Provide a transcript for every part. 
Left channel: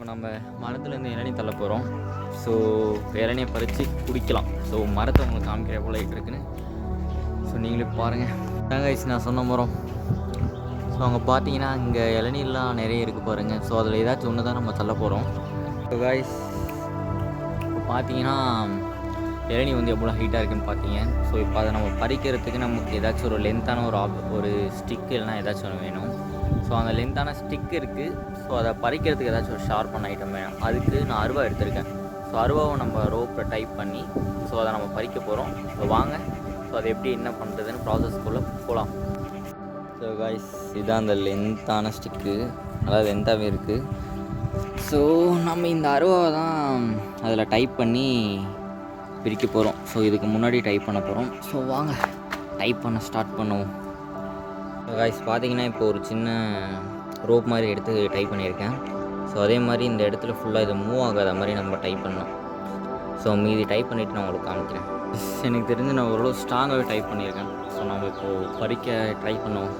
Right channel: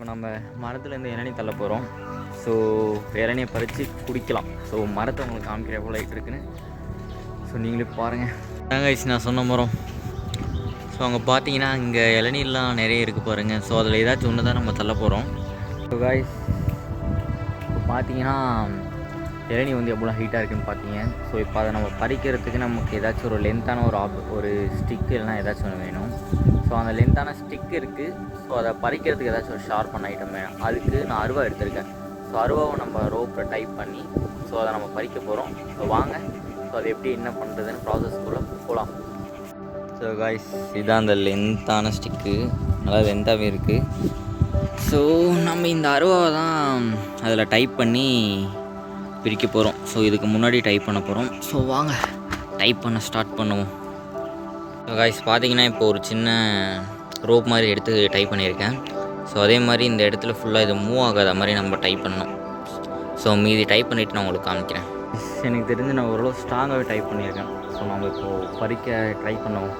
இப்போ நம்ம மரத்துலேருந்து இளநீ தள்ள போகிறோம். ஸோ இளநியை பறித்து குடிக்கலாம். ஸோ மரத்தை உங்களுக்கு காமிக்கிற எவ்வளோ லைட் இருக்குன்னு. ஸோ நீங்களே பாருங்கள் தேங்காய்ஸ் நான் சொன்ன மரம். ஸோ அங்கே பார்த்தீங்கன்னா இங்கே இளநீர்லாம் நிறைய இருக்குது பாருங்கள் ஸோ அதில் ஏதாச்சும் ஒன்று தான் நம்ம தள்ள போகிறோம் ஸோ காய்ஸ் இப்போ பார்த்தீங்கன்னா இளநீ வந்து எவ்வளோ ஹீட்டாக இருக்குன்னு பார்த்தீங்க ஸோ இப்போ அதை நம்ம பறிக்கிறதுக்கு நமக்கு ஏதாச்சும் ஒரு லென்த்தான ஒரு ஆப் ஒரு ஸ்டிக்கு இல்லைனா ஏதாச்சும் ஒன்று வேணும். ஸோ அந்த லென்த்தான ஸ்டிக் இருக்குது ஸோ அதை பறிக்கிறதுக்கு ஏதாச்சும் ஒரு ஷார்ப்பான ஐட்டம் வேணும். அதுக்கு நான் அருவா எடுத்திருக்கேன். ஸோ அருவாவை நம்ம ரோப்பில் டைப் பண்ணி ஸோ அதை நம்ம பறிக்க போகிறோம் ஸோ வாங்க. ஸோ அது எப்படி என்ன பண்ணுறதுன்னு ப்ராசஸ்க்குள்ளே போகலாம் ஸோ காய்ஸ் இதான் அந்த லென்த்தான ஸ்டிக்கு நல்லா லென்த்தாகவே இருக்குது ஸோ நம்ம இந்த அருவாவை தான் அதில் டைப் பண்ணி பிரிக்க போகிறோம். ஸோ இதுக்கு முன்னாடி டைப் பண்ண போகிறோம். ஸோ வாங்க டைப் பண்ண ஸ்டார்ட் பண்ணுவோம். ஸோ காய்ஸ் பார்த்தீங்கன்னா இப்போ ஒரு சின்ன ரோப் மாதிரி எடுத்து டைப் பண்ணியிருக்கேன். ஸோ அதே மாதிரி இந்த இடத்துல ஃபுல்லாக இது மூவ் ஆகாத மாதிரி நம்ம டைப் பண்ணோம் ஸோ மீதி டைப் பண்ணிவிட்டு நான் உங்களுக்கு காமிக்கிறேன். எனக்கு தெரிஞ்சு நான் ஓரளவு ஸ்ட்ராங்காகவே டைப் பண்ணியிருக்கேன். ஸோ நம்ம இப்போது பறிக்க ட்ரை பண்ணுவோம்.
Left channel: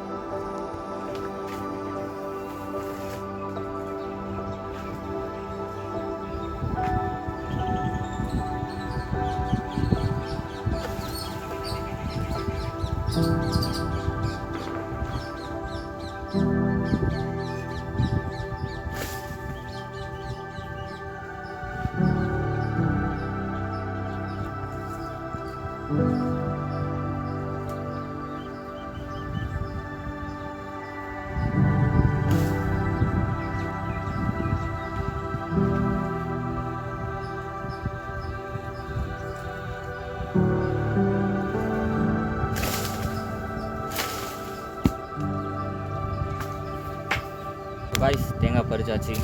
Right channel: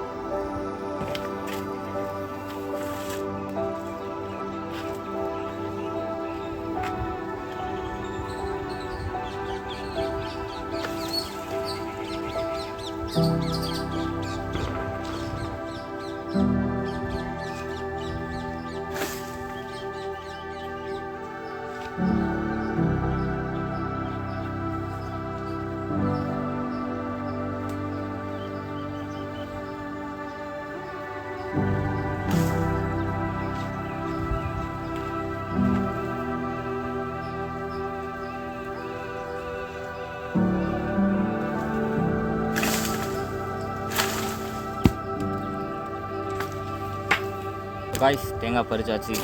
காய்ஸ் தேங்காய் பறிச்சாச்சு.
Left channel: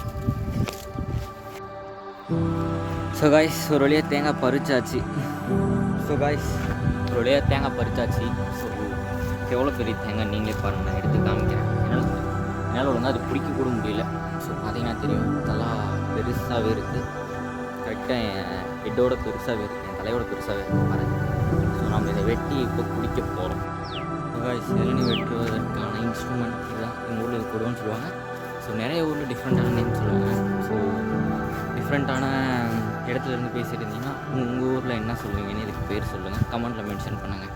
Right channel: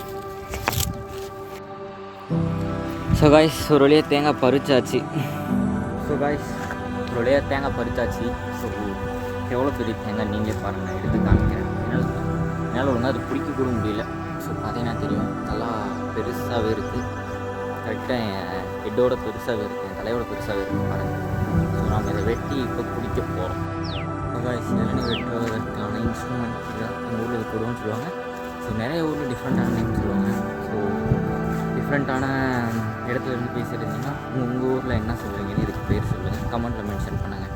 ஸோ காய்ஸ் ஒரு வழியாக தேங்காய் பறிச்சாச்சு. ஸோ காய்ஸ் ஒரு வழியாக தேங்காய் பறிச்சாச்சு. ஸோ எவ்வளோ பெரிய தேங்காய் நீங்களே பாருங்கள் நான் எடுத்து காமிக்கிறேன். என்னால் என்னால் ஒழுங்காக அது பிடிக்க கூட முடியல. ஸோ பார்த்தீங்கன்னா தெரியும் நல்லா பெருசாகவே இருக்குது கரெக்டாக என் ஹெட்டோட பெருசாகவே இருக்குது என் தலையோட பெருசாகவே இருக்குது பாருங்கள் ஸோ நம்ம இதை வெட்டி இப்போ குடிக்க போகிறோம் காய்ஸ் இளநீ வெட்டுவதற்கான இன்ஸ்ட்ருமெண்ட் இதுதான் எங்கள் ஊரில் இது கொடுவோன்னு சொல்லுவாங்க. ஸோ நிறைய ஊரில் டிஃப்ரெண்ட்டான நேம் சொல்லுவாங்க. ஸோ டிஃப்ரெண்ட்டான இடத்துலேருந்து பேசிட்டு இருந்தீங்கன்னா உங்கள் ஊரில் என்ன சொல்லுவீங்கன்னு இதுக்கு பேர் சொல்லுங்கள் கமெண்ட்டில் மென்ஷன் பண்ணுங்கள்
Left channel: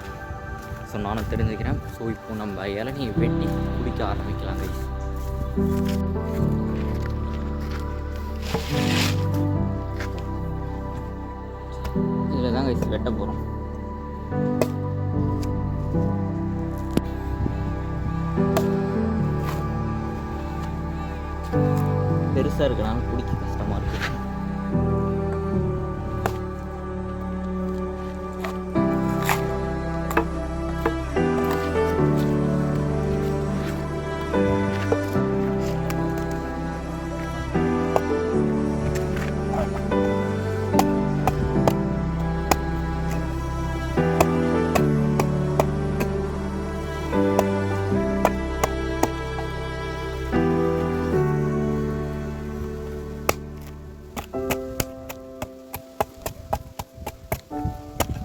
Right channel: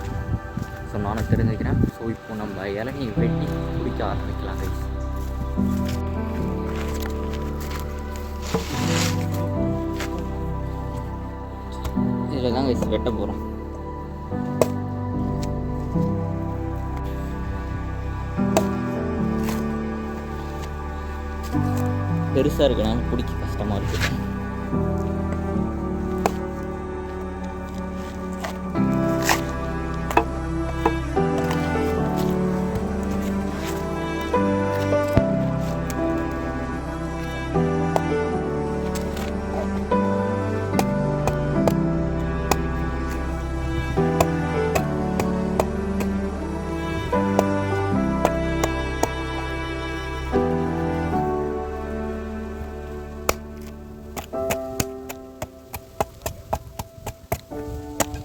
ஸோ நானும் தெரிஞ்சுக்கிறேன். ஸோ இப்போ நம்ம இளநியை வெட்டி குடிக்க ஆரம்பிக்கலாம் கைஸ் இதில் தான் கைஸ் வெட்ட போகிறோம் பெருசாக இருக்கனால பிடிக்க கஷ்டமாக இருக்குது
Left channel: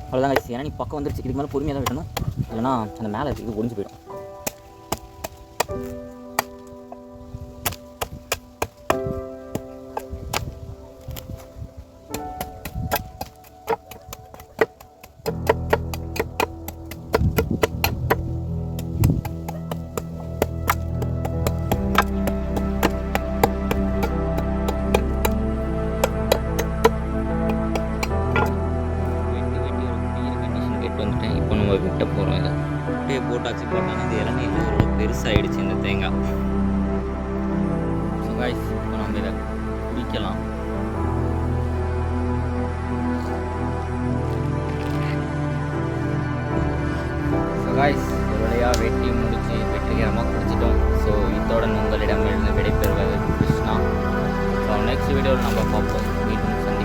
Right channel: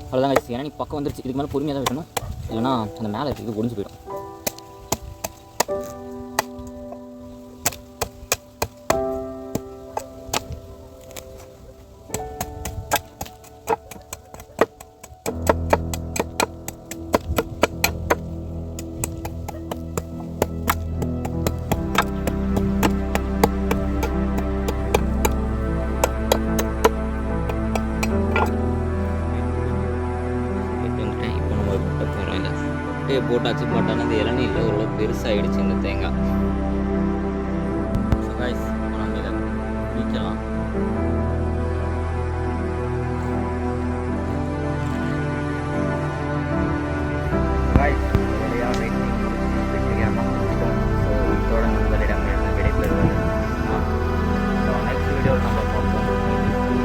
அவ்வளோதான் கைஸ் ஏன்னா நீ பக்கம் வந்துருச்சு. இதுக்கு மேலே பொறுமையாக தான் வெட்டணும். இல்லைனா அந்த மேலே இருக்குது ஒடிஞ்சு போயிடும். கண்டிஷன் வந்துட்டேன். இப்போ நம்ம வெட்ட போகிறோம் இதை. வெட்டியை போட்டாச்சு போட்டானா இந்த இளநீ இல்லை. ஓரளவு பெருசாகிடுச்சு இந்த தேங்காய். ஸோ காய்ஸ் இப்போ நம்ம இதை குடிக்கலாம். காய்ஸ் ஒருவழியாக வெட்டி முடிச்சு வெற்றிகரமாக குடிச்சிட்டோம். ஸோ இதோட உங்களிடம் இருந்து விடைபெறுவது கிருஷ்ணா. ஸோ நெக்ஸ்ட் வீடியோவில் நம்ம பார்ப்போம். மீண்டும் சந்தி